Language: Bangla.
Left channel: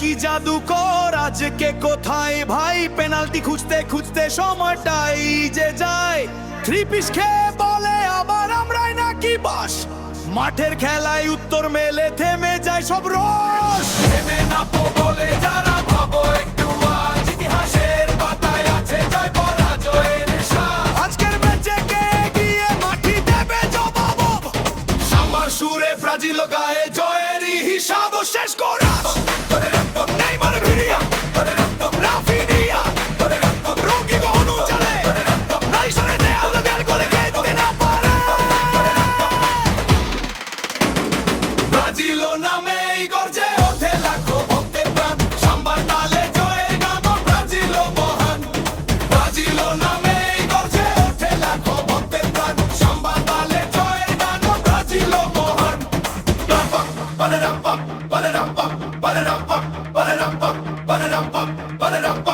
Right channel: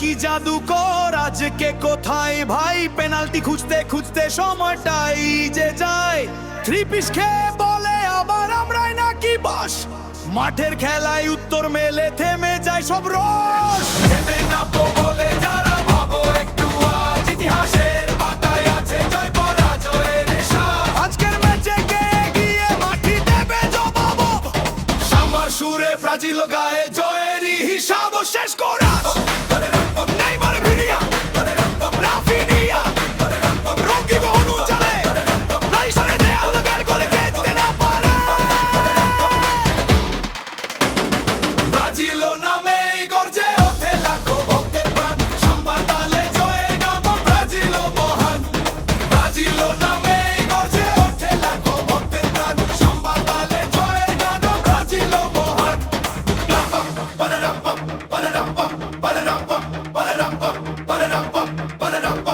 কি জাদুকর আজকে কোথায় ভাই, পেনাল্টি খুঁজতে খুঁজতে সময়টাই যে যায়। থ্রি পিস খেয়ে বলে আবার আমরাই নাকি বস, মাঠের খেলায় উত্তর মেলে থেমে যায় সব রস। থেমে না বলে যারা ভাবো একটু, আজ ইতিহাসের পাতায় আছে জয় পরাজয়ের সাজ। আজকের ম্যাচে কে এগিয়ে মাঠি দেবে জবাব, সাম্বার সুরে ব্রাজিল গায়ে জয়েরই হিসাব শেষ করা। নেইমার ভিরিয়া, রাফিনিয়া, রোগী গহনু চলে, রাইসরে দেয়াল গেল করে খেতে না পারে। ব্রাজিল নামে গর্জে ওঠে লাখো ভক্তের প্রাণ, সাম্বার তালে জয়ের গান ব্রাজিল মহান। ব্রাজিল নামে গর্জে ওঠে লাখো ভক্তের প্রাণ, সাম্বার তালে জয়ের গান ব্রাজিল মহান। Ba-da-dum-bum, ba-da-dum-bum, ba-da-dum-bum, ba-da-dum-bum, ba-da-dum-bum, ba-da-dum-bum.